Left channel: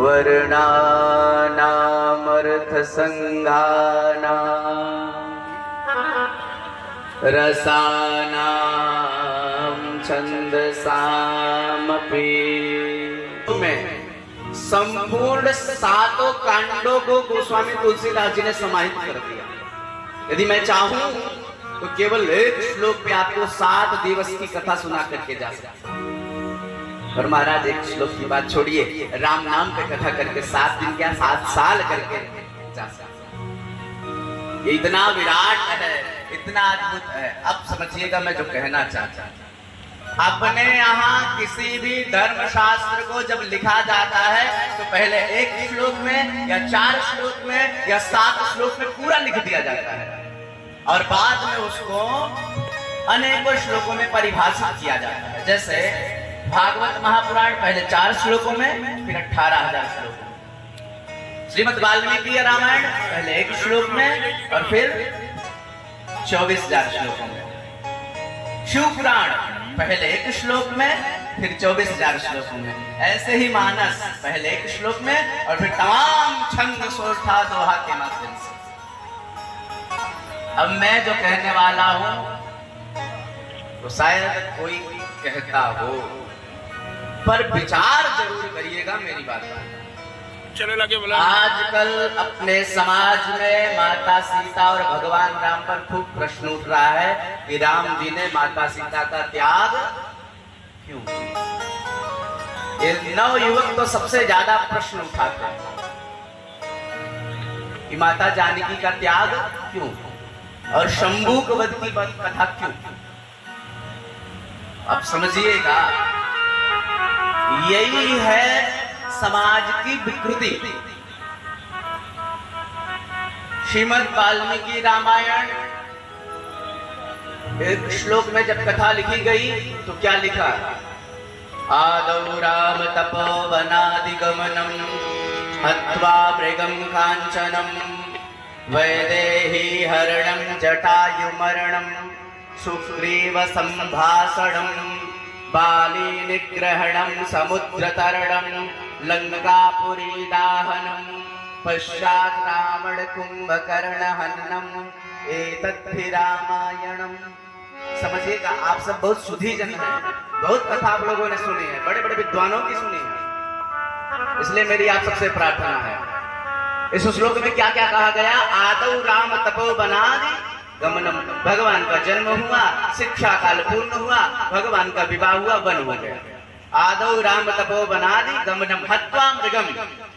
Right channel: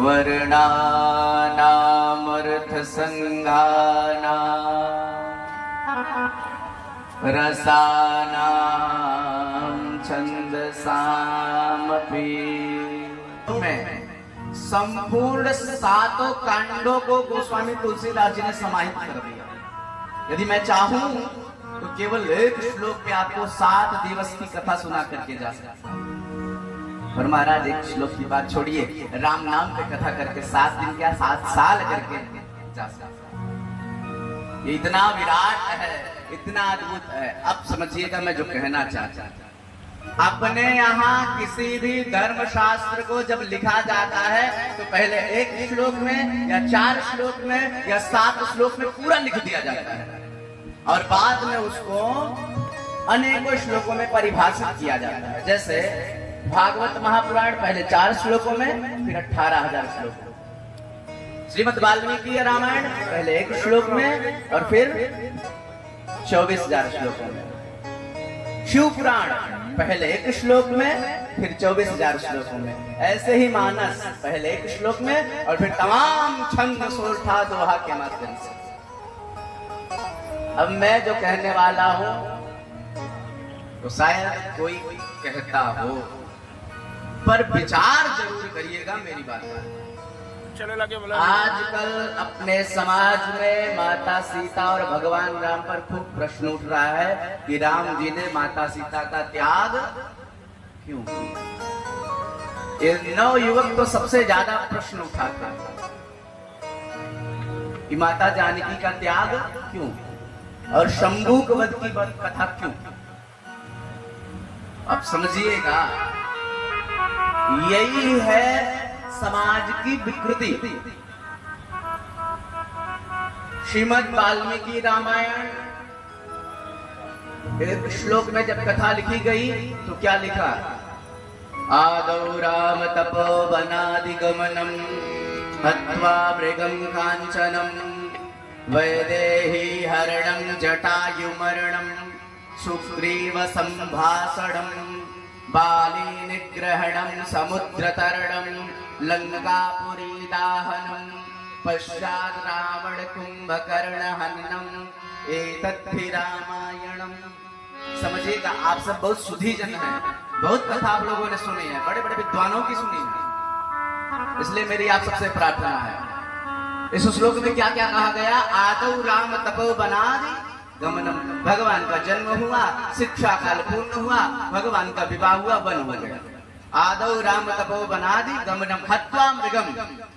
वर्णानामर्थसंगानां रसानां छंदसामपि में संपूर्ण सातों कांडों को गोस्वामी तुलसीदास जी ने समाहित कर दिया। यदि मैं चाहूं तो केवल एक श्लोक पे आपको 7 दिवस की कथा सुना करके जा सकता हूं। और महाराज एक श्लोक की बात छोड़िए, राम नाम पे कथा करके 7 दिन क्या 7 साल करके जा सकता। ये इतना विराट है, इतना अद्भुत है। अब समझिएगा मैं जो कहना चाहता हूं। अपने यहाँ किसी भी धर्म शास्त्र को जब लिखा जाता है तो पहले एक श्लोक में या 4 श्लोक में या 7 श्लोक में पूरा लिख दिया जाता है और बाद में उसको अनेकों श्लोकों में परिभाषित किया जाता है। जैसे भागवत महापुराण पहले 4 श्लोकों में, फिर 18,000 श्लोकों में। श्रीमद् वाल्मीकि रामायण पहले 1 श्लोक में और फिर 24,000 श्लोकों में। शिव पुराण पहले 1 श्लोक में, फिर 24,000 श्लोकों में। ऐसे ही मानस पहले 1 श्लोक में और फिर तमाम छंद सोरठा दोहा के माध्यम से। अब मैं जो कहने वाला हूं वो शायद कोई कहता हो, पर विचार जरूर करिएगा मेरी बात। चलो लगे बोला। आजकल अपने समाज में माता सीता और भगवान राम पर खूब प्रश्न उठ रहा है कि राम जी ने माता सीता का त्याग क्यों किया। ये नवयुवक तो सबसे ज्यादा प्रश्न उठाता है कि माता जानकी का त्याग क्यों और शंभूक वध की कथा क्यों। अब समझिएगा, यही है समाज की विकृति। श्रीमद् वाल्मीकि रामायण एक श्लोक में जब कथा लिखी गई तो क्या लिखा? आदौ राम तपोवनादिगमनम हत्वा मृगं कांचनम वैदेही हरणं जटायुमरणं सुग्रीव संभाषणं बाली निग्रहणं समुद्रतरणं लंकापुरी दाहनं पश्चात् रावण कुंभकर्ण हननम् एतद्धि रामायणम्। समझिएगा, आप सब बहुत सुधी जन हैं, बहुत कथा आप लोगों ने सुनी है, बड़े बड़े विद्वानों की सुनी है, इसलिए मेरी आप सबसे प्रार्थना है। इस श्लोक में क्या क्या कहा गया? आदौ राम तपोवनादि गमनम, भगवान का जन्म हुआ, शिक्षा काल पूर्ण हुआ, भगवान का विवाह हुआ, वन हो गया। आदौ राम तपोवनादि गमनम हत्वा मृगम,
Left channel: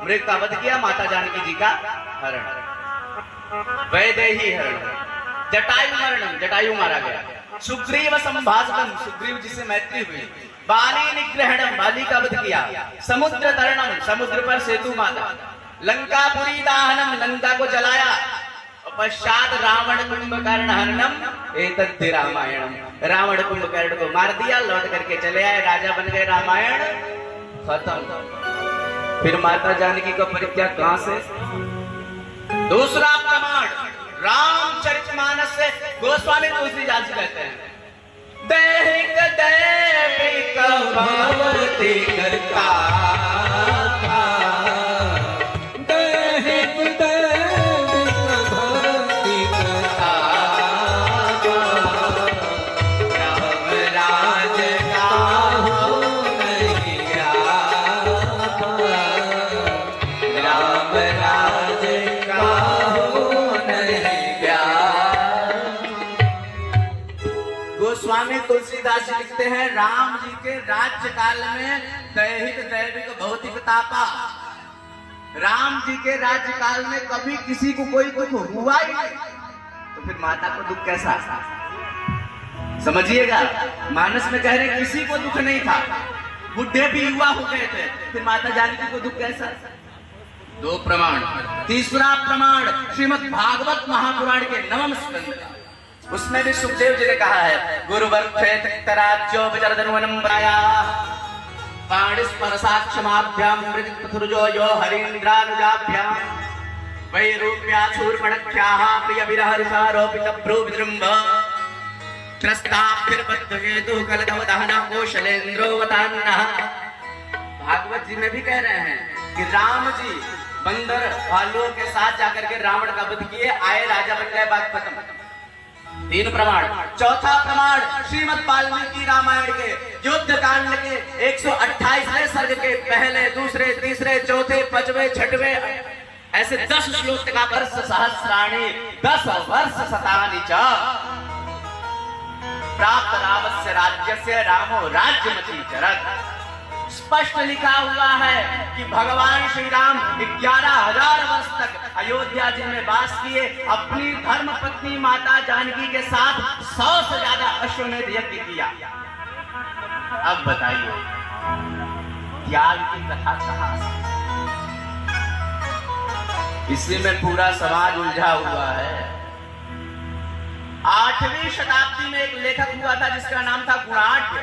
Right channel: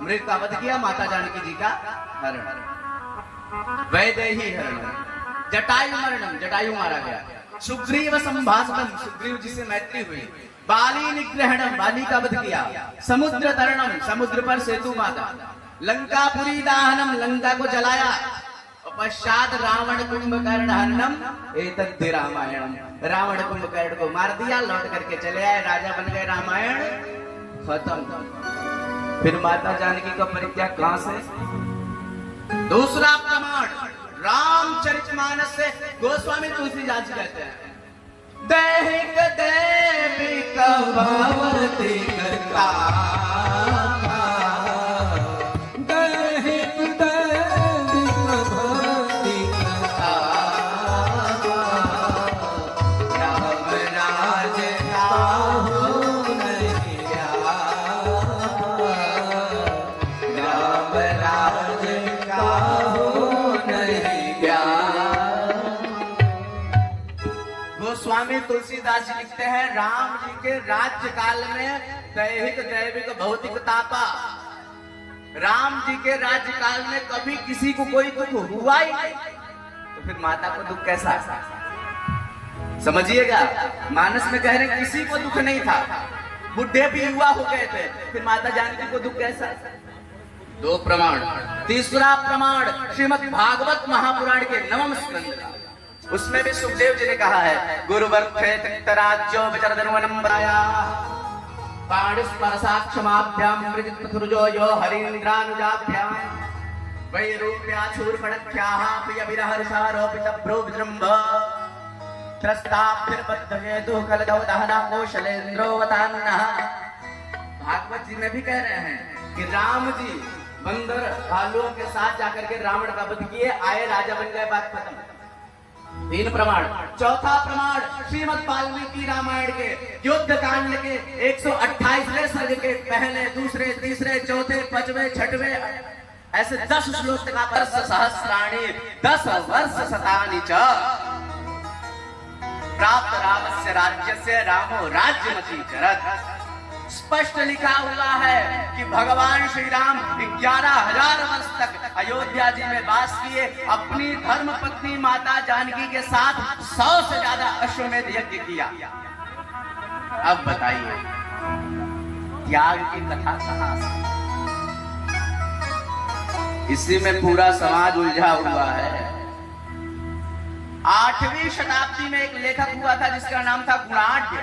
मृग का वध किया, माता जानकी जी का हरण। वैदेही हरण, जटायु मरणम, जटायु मारा गया। सुग्रीव संभाषणम, सुग्रीव जी से मैत्री हुई। बाली निग्रहणम, बाली का वध किया। समुद्र तरणम, समुद्र पर सेतु बांधा। लंकापुरी दाहनम, लंका को जलाया। पश्चात रावण कुंभकर्ण हरणम एतद्धि रामायणम, रावण कुंभकर्ण को मार दिया, लौट करके चले आए, राजा बन गए, रामायण खत्म। फिर माता जानकी का परित्याग कहां से? दूसरा प्रमाण रामचरितमानस से गोस्वामी तुलसीदास जी कहते हैं, दैहिक दैविक भवति कर्ता, दैहिक दैविक भवति कर्ता, राम राज काहू नहीं आपा, राम राज काहू नहीं ज्ञान। गोस्वामी तुलसीदास जी लिखते हैं, राम जी के राज्य काल में दैहिक दैविक भौतिक तापा, राम जी के राज्य काल में कभी किसी को कोई दुख हुआ ही नहीं, तो फिर माता को दुख कैसा? समझिएगा, मानस में कह रहे किसी को दुख नहीं था, बुढ़े भी युवा हो गए थे, फिर माता जानकी को दुख कैसा? 2 प्रमाण। तीसरा प्रमाण श्रीमद् भागवत महापुराण के 9वें स्कंद, उसमें भी सुखदेव जी ने कहा है, गुरुवर्थे तक्तराज्यो वितरधनुवनम्बराया पाणिस्परसाक्षमाभ्याम मृदितुर्जो यो हरीन्द्रानुजाभ्याम वैरूप्याचूर्पणख्याः प्रियविरहरिसारोपितभ्रो विजृम्भ त्रस्ताभिर्बद्धहेतु कलदो दहनः कौशलेन्द्रो वतान्नः। भागवत जी में भी कह रहे हैं, कि राम जी बंदर भालुओं के साथ जाकर के रावण का वध किए, आए, राजा बन गए, बात खत्म। 3 प्रमाण। चौथा प्रमाण श्रीमद् वाल्मीकि रामायण के युद्ध कांड के 128वें सर्ग के पहले, दूसरे, तीसरे, चौथे, 5वें, 6वें ऐसे 10 श्लोक का वर्ष सहस्राणी 10 वर्ष शतानि च प्राप्त रामस्य राज्यस्य रामो राज्यमती चरत। स्पष्ट लिखा हुआ है कि भगवान श्री राम 11,000 वर्ष तक अयोध्या जी में वास किए, अपनी धर्म पत्नी माता जानकी के साथ 100 से ज्यादा अश्वमेध यज्ञ किया। अब बताइए त्याग की कथा कहां से? इसी में पूरा समाज उलझा हुआ है। 8वीं शताब्दी में एक लेखक हुआ था जिसका नाम था गुणाढ्य।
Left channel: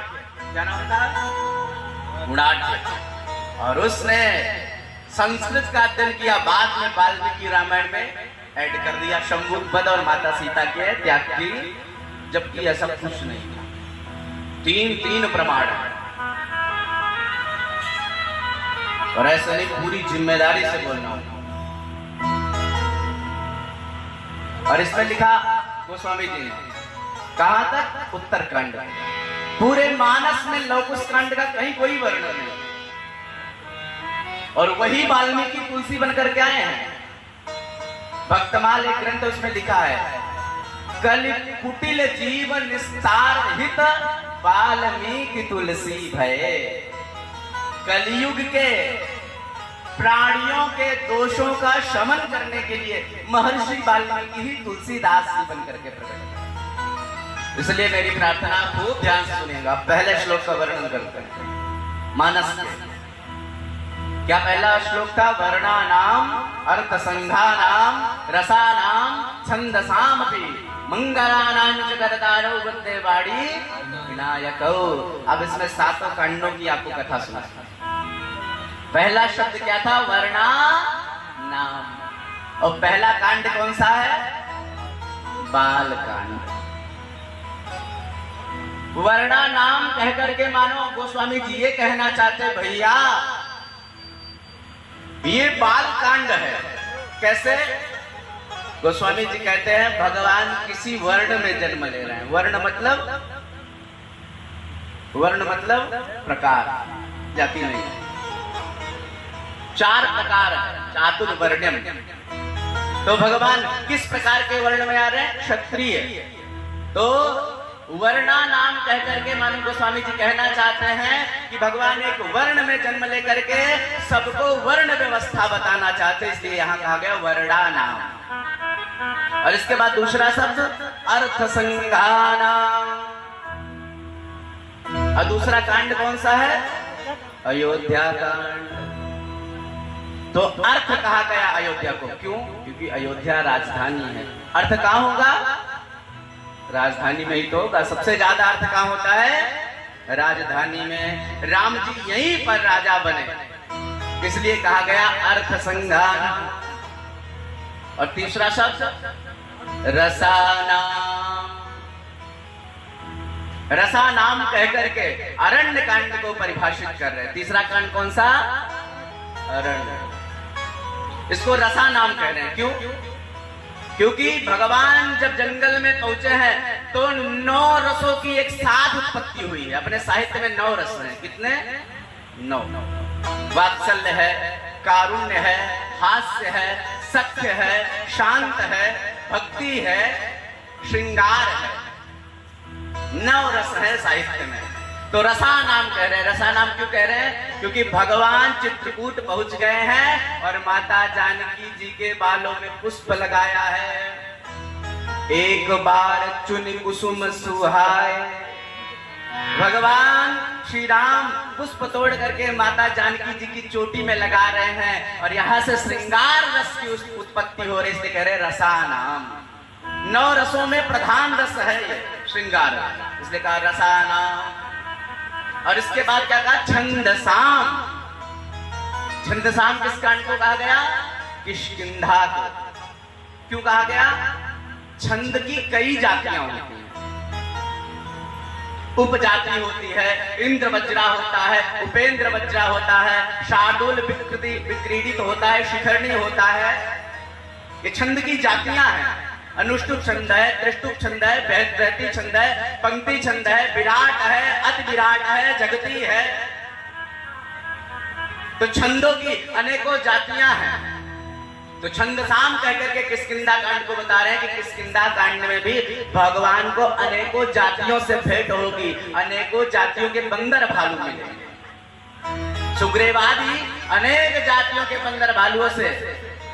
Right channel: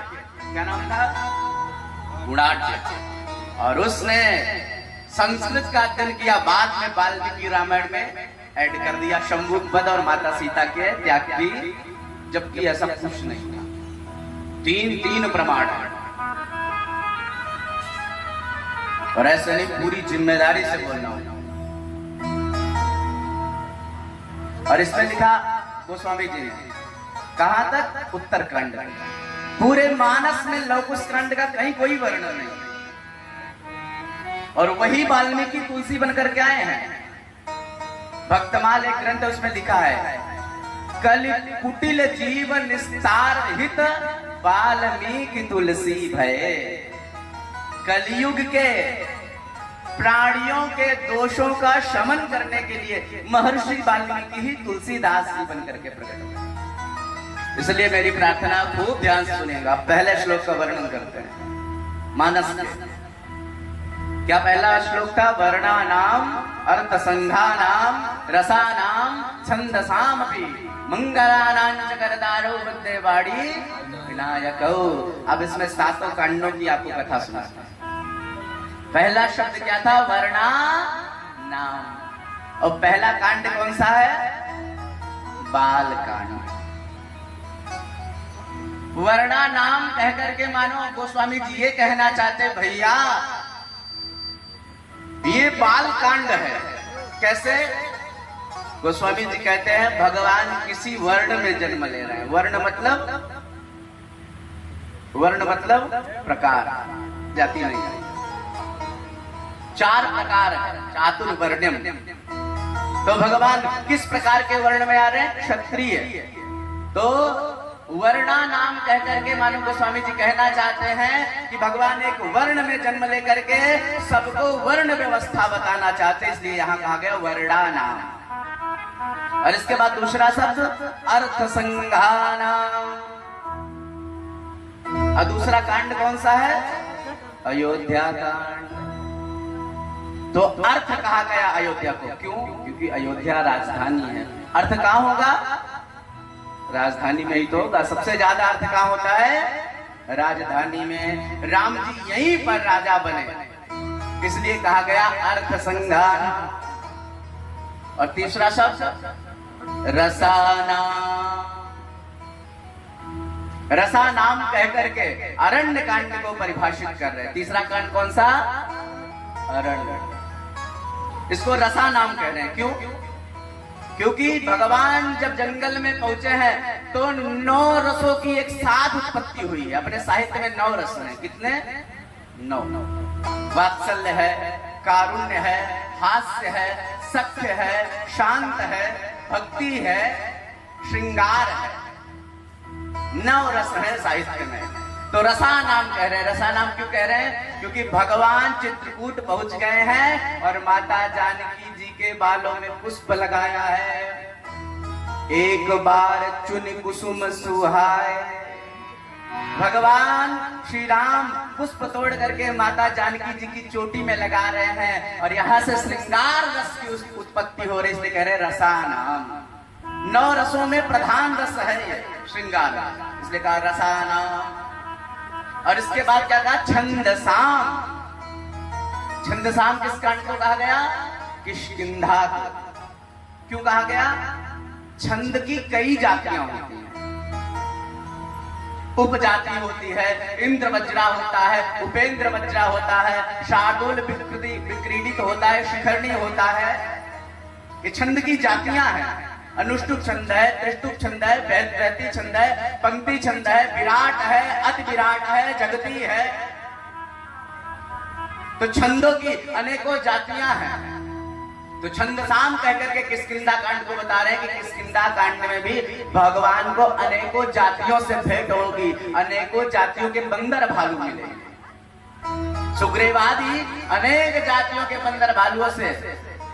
क्या नाम था? गुणाढ्य। और उसने संस्कृत का अध्ययन किया, बाद में वाल्मीकि रामायण में ऐड कर दिया शंभुक वध और माता सीता के त्याग की, जबकि ऐसा कुछ नहीं था। 3 प्रमाण है और ऐसे नहीं, पूरी जिम्मेदारी से बोलना। और इसमें लिखा गोस्वामी जी ने, कहां तक? उत्तरकांड। पूरे मानस में लवकुश कांड का कहीं कोई वर्णन नहीं, और वही वाल्मीकि तुलसी बनकर के आए हैं। भक्तमाल एक ग्रंथ, उसमें लिखा है, कल कुटिल जीव निस्तार हित वाल्मीकि तुलसी भय। कलयुग के प्राणियों के दोषों का शमन करने के लिए महर्षि वाल्मीकि ही तुलसीदास जी बनकर के प्रकट हुए। इसलिए मेरी प्रार्थना खूब ध्यान से सुनिएगा। पहले श्लोक का वर्णन करते हैं मानस के। क्या पहला श्लोक था? वर्णानाम अर्थ संघानाम रसानाम छंदसामपि मंगलानां च करतारो वन्दे वाणी विनायको। अब इसमें 7 कांडों की आपको कथा सुना। पहला शब्द क्या था? वर्णा नाम। और पहला कांड कौन सा है? बाल कांड। वर्णा नाम कहकर के मानो गोस्वामी जी ये कहना चाहते, भैया ये बाल कांड है। कैसे? गोस्वामी जी कहते हैं भगवान किसी वर्ण में जन्म ले रहे हैं। वर्ण मतलब प्रकार, जाति नहीं। 4 प्रकार है, चातुर्वर्ण्यम। तो भगवान किस प्रकार के वर्ण में आ रहे हैं? क्षत्रिय। तो वर्णा नाम कहकर के मानो गोस्वामी जी कहना चाहते हैं कि भगवान एक वर्ण में जन्म लेकर के सबको वर्ण व्यवस्था बताना चाहते, इसलिए यहाँ कहा गया वर्णा नाम। और इसके बाद दूसरा शब्द अर्थ संघाना। और दूसरा कांड कौन सा है? अयोध्या कांड। तो अर्थ कहा गया अयोध्या को, क्यों? क्योंकि अयोध्या राजधानी है। अर्थ कहाँ होगा? राजधानी में ही तो होगा। सबसे ज्यादा अर्थ कहाँ होता है? राजधानी में। राम जी यहीं पर राजा बने, इसलिए कहा गया अर्थ संघान। और तीसरा शब्द रसाना। रसा नाम कहकर के अरण्य कांड को परिभाषित कर रहे हैं। तीसरा कांड कौन सा? अरण्य। इसको रसा नाम कह रहे हैं। क्यों? क्योंकि भगवान जब जंगल में पहुंचे हैं तो 9 रसों की एक साथ उत्पत्ति हुई है। अपने साहित्य में 9 रस हैं। कितने? 9। वात्सल्य है, कारुण्य है, हास्य है, सत्य है, शांत है, भक्ति है, श्रृंगार है। 9 रस है साहित्य में। तो रसा नाम कह रहे हैं। रसा नाम क्यों कह रहे हैं? क्योंकि भगवान चित्रकूट पहुंच गए हैं और माता जानकी जी के बालों में पुष्प लगाया है। एक बार चुन कुसुम सुहाए। भगवान श्री राम पुष्प तोड़ करके माता जानकी जी की चोटी में लगा रहे हैं और यहाँ से श्रृंगार रस की उत्पत्ति हो रही, इसलिए कह रहे रसा नाम। 9 रसों में प्रधान रस है ये श्रृंगार, इसलिए कहा रसा नाम। और इसके बाद क्या कहा? छंदसाम। छंदसाम किस कांड को कहा गया? किष्किंधा को। क्यों कहा गया? छंद की कई जातियां होती हैं। उपजाति होती है, इंद्र वज्रा होता है, उपेंद्र वज्रा होता है, शार्दूल विक्रीडित होता है, शिखरणी होता है। ये छंद की जातियां हैं। अनुष्टुप छंद है, त्रिष्टुप छंद है, बृहति छंद है, पंक्ति छंद है, विराट है, अति विराट है, जगती है। तो छंदों की अनेकों जातियां हैं। तो छंदसाम कहकर के किष्किंधा कांड को बता रहे हैं कि किष्किंधा कांड में भी भगवान को अनेकों जातियों से भेंट होगी, अनेकों जातियों के बंदर भालू मिलेंगे। सुग्रीव आदि अनेक जातियों के बंदर भालुओं से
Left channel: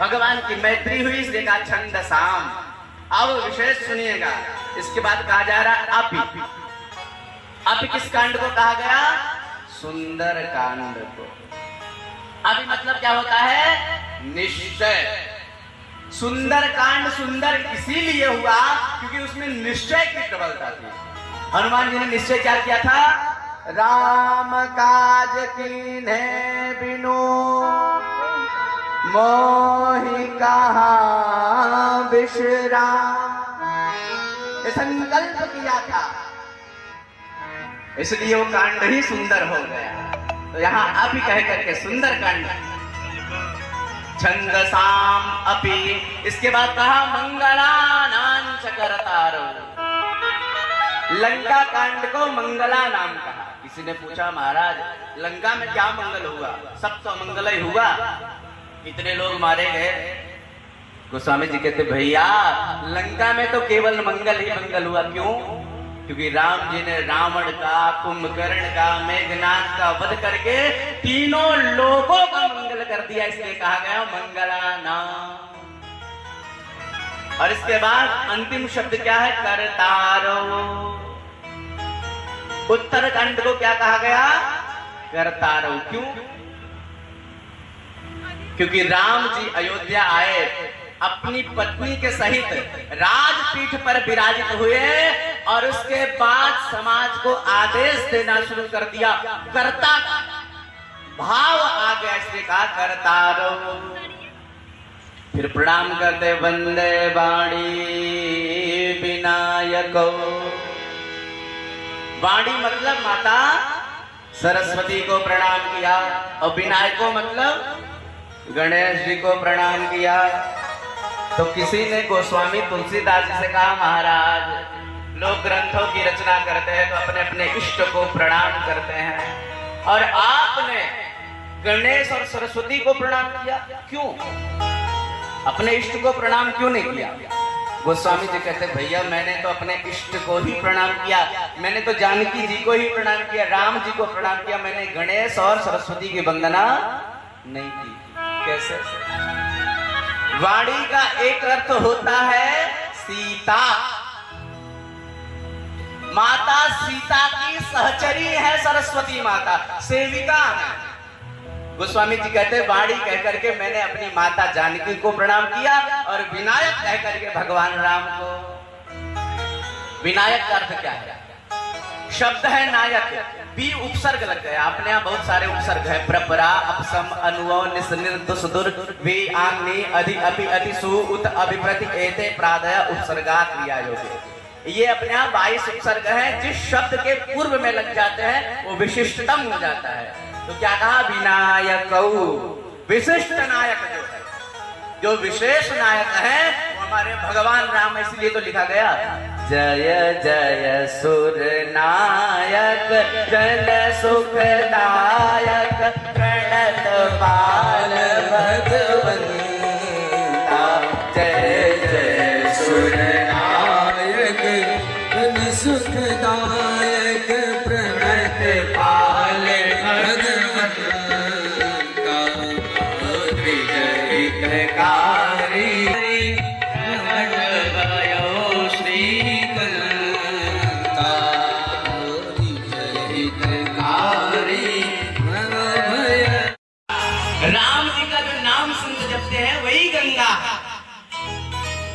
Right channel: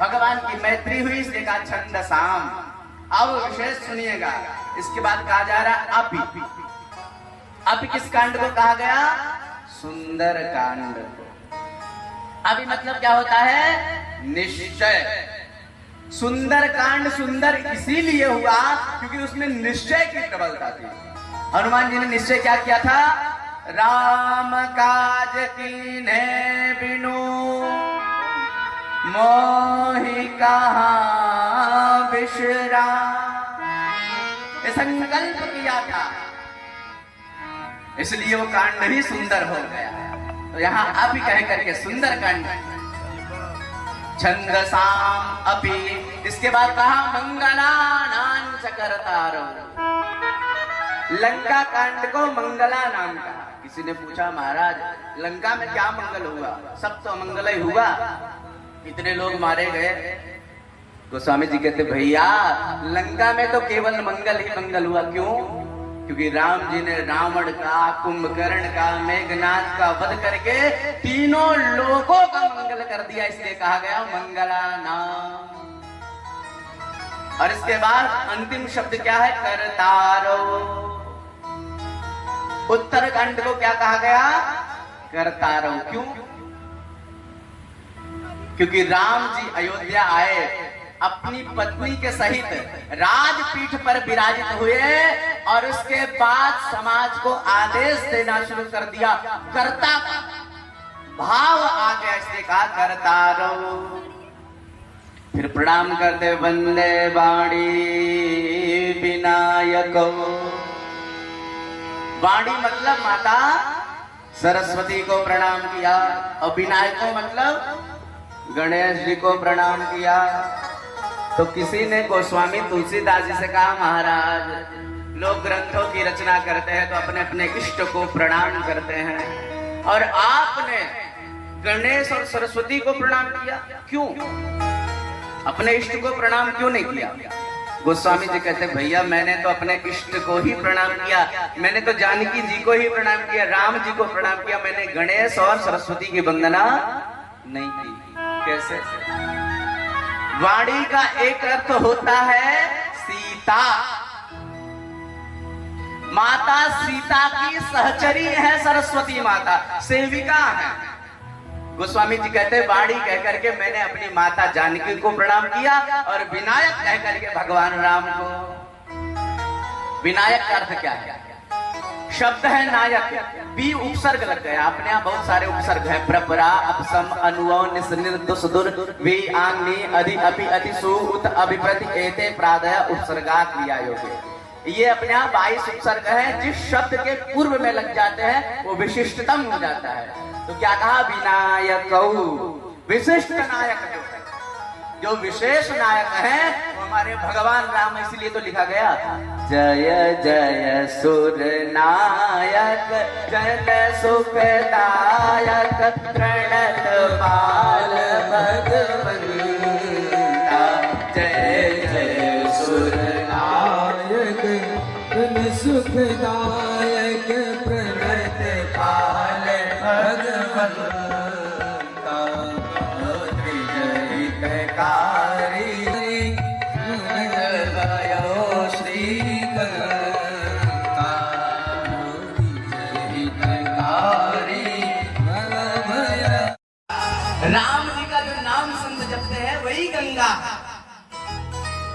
भगवान की मैत्री हुई, इसलिए कहा छंदसाम। अब विशेष सुनिएगा, इसके बाद कहा जा रहा है अपि। अपि किस कांड को कहा गया? सुंदर कांड को। अभी मतलब क्या होता है? निश्चय। सुंदर कांड सुंदर इसीलिए हुआ क्योंकि उसमें निश्चय की प्रबलता थी। हनुमान जी ने निश्चय क्या किया था? राम काज कीन्हे बिनु मोहि कहाँ बिसरा, ये संकल्प किया था, इसलिए वो कांड ही सुंदर हो गया। तो यहाँ अभी कह करके सुंदर कांड, छंदसाम अपि। इसके बाद कहा मंगलानां च कर्तारो। लंका कांड को मंगला नाम कहा। किसी ने पूछा महाराज लंका में क्या मंगल हुआ? सब तो मंगल ही हुआ, इतने लोग मारे गए। गोस्वामी जी कहते भैया लंका में तो केवल मंगल ही मंगल हुआ। क्यों? क्योंकि राम जी ने रावण का, कुंभकर्ण का, मेघनाथ का वध करके तीनों लोगों का मंगल कर दिया, इसलिए कहा गया मंगला नाम। और इसके बाद अंतिम शब्द क्या है? कर्तारो। उत्तरकांड को क्या कहा गया? कर्तारो। क्यों? क्योंकि राम जी अयोध्या आए, अपनी पत्नी के सहित राजपीठ पर विराजित हुए और उसके बाद समाज को आदेश देना शुरू कर दिया। कर्ता भाव आ गया, इसलिए कहा कर्तारो। फिर प्रणाम करते वंदे वाणी विनायको। वाणी मतलब माता सरस्वती को प्रणाम किया, और विनायको मतलब गणेश जी को प्रणाम किया। तो किसी ने गोस्वामी तुलसीदास जी से कहा महाराज लोग ग्रंथों की रचना करते हैं तो अपने अपने इष्ट को प्रणाम करते हैं, और आपने गणेश और सरस्वती को प्रणाम किया, क्यों? अपने इष्ट को प्रणाम क्यों नहीं किया? गोस्वामी जी कहते भैया मैंने तो अपने इष्ट को ही प्रणाम किया, मैंने तो जानकी जी को ही प्रणाम किया, राम जी को प्रणाम किया, मैंने गणेश और सरस्वती की वंदना नहीं की। कैसे? वाणी का एक अर्थ होता है सीता। माता सीता की सहचरी है सरस्वती माता, सेविका है। गोस्वामी जी कहते वाणी कह करके मैंने अपनी माता जानकी को प्रणाम किया, और विनायक कह करके भगवान राम को। विनायक का अर्थ क्या है? शब्द है नायक, बी उपसर्ग लग गया। अपने यहाँ बहुत सारे उपसर्ग है, प्रपरा, अपसम, अनुव, निस्निर, दुसदुर, वी, आंगनी, अधि, अपि, अति, सु, उत, अभिप्रति, एते, प्रादय, उपसर्गा, क्रिया योगे। ये अपने यहाँ 22 उपसर्ग है। जिस शब्द के पूर्व में लग जाते हैं वो विशिष्टतम हो जाता है। तो क्या कहा? विनायक, विशिष्ट नायक जो है, जो विशेष नायक है वो हमारे भगवान राम। इसलिए तो लिखा गया जय जय सुर नायक, जय सुखदायक, प्रणत पाल भगवंता। जय जय सुर नायक, जय सुखदायक, प्रणत पाल भगवंता। राम जी का जो नाम संत जपते हैं वही गंगा है।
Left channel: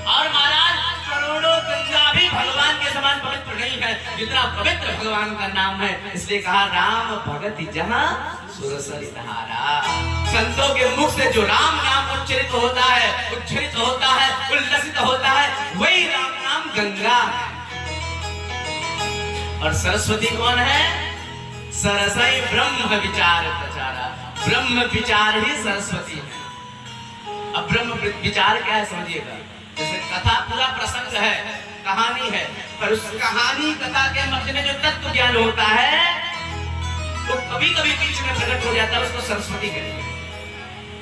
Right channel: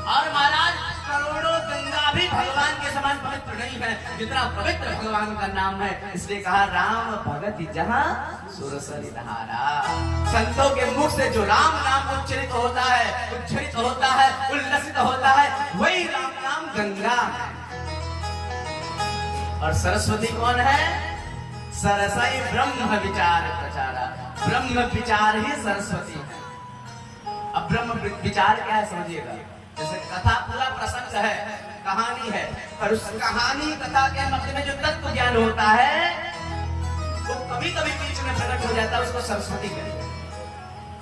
और महाराज करोड़ों गंगा भी भगवान के समान पवित्र नहीं है जितना पवित्र भगवान का नाम है। इसलिए कहा राम भगत जहाँ सुरसरि धारा। संतों के मुख से जो राम नाम उच्चरित होता है, उच्चरित होता है, उल्लसित होता है, वही राम नाम गंगा है। और सरस्वती कौन है? सरसई ब्रह्म विचार प्रचारा, ब्रह्म विचार ही सरस्वती है। अब ब्रह्म विचार क्या है समझिएगा। जैसे कथा पूरा प्रसंग है, कहानी है, पर उस कहानी कथा के मध्य में जो तत्व ज्ञान होता है वो कभी कभी बीच में प्रकट हो जाता है, उसको सरस्वती कहते हैं।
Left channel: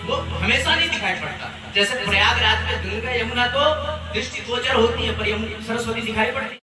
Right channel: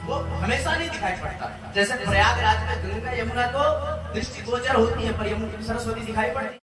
वो हमेशा नहीं दिखाई पड़ता। जैसे प्रयागराज में गंगा यमुना तो दृष्टिगोचर होती है, पर सरस्वती दिखाई पड़ती है।